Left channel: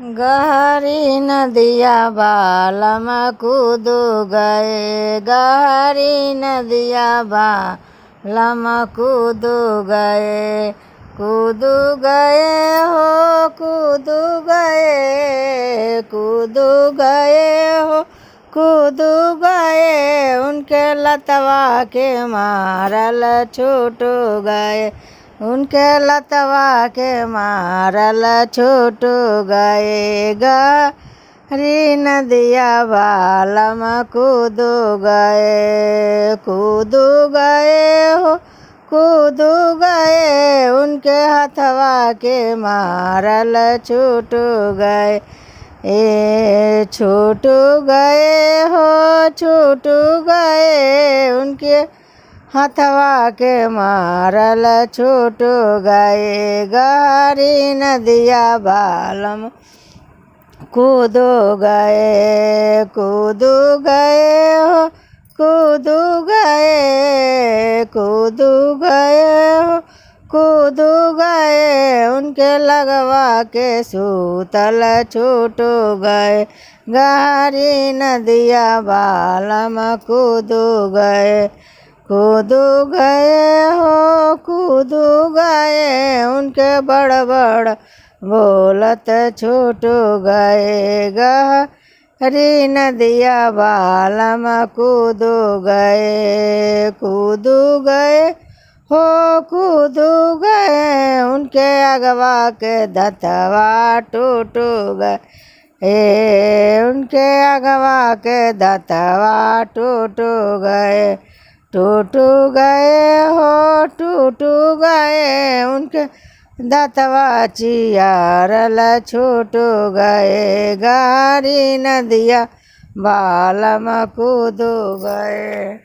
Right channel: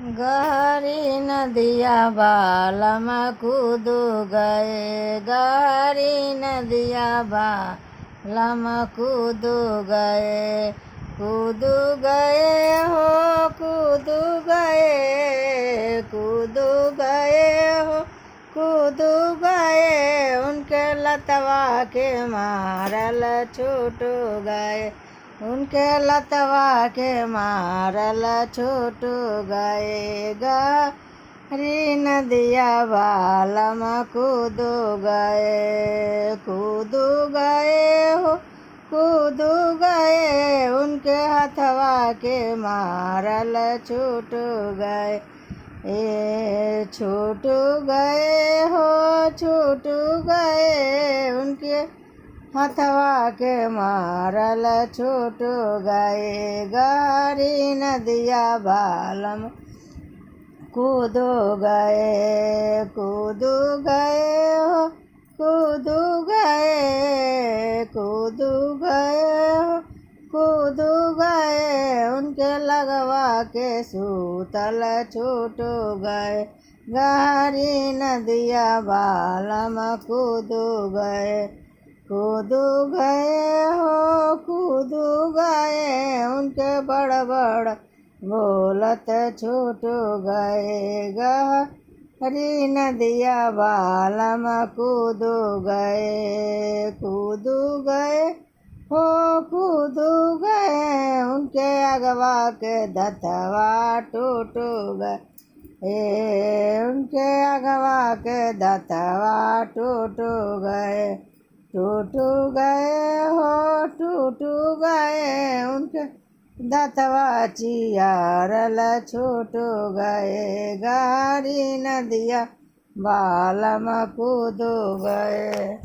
गहरी नदिया बालम कूद गए, गहरी नदिया बालम कूद गए, कूद गए हो कूद गए, कूद गए हो कूद गए, उनके लतवा के मारल छूट गए, उनके लतवा के मारल छूट गए, गहरी नदिया बालम कूद गए, कूद गए हो कूद गए, उनके हथवा के मारल छूट गए, ए छूट गए हो छूट गए, उनके हथवा के मारल छूट गए, गहरी नदिया बालम कूद गए, कूद गए हो कूद गए, कूद गए हो कूद गए, उनके लगवा के सूतल छूट गए, गहरी नदिया बालम कूद गए, कूद गए हो कूद गए, उनके बड़ बड़ बोलत छूट गए, गहरी नदिया बालम कूद गए, कूद गए हो कूद गए, उनके अगवा के दतवा टूट गए, उनके अगवा के दतवा टूट गए, टूट गए हो टूट गए, उनके दतवा चियारल छूट गए, गहरी नदिया बालम कूद गए।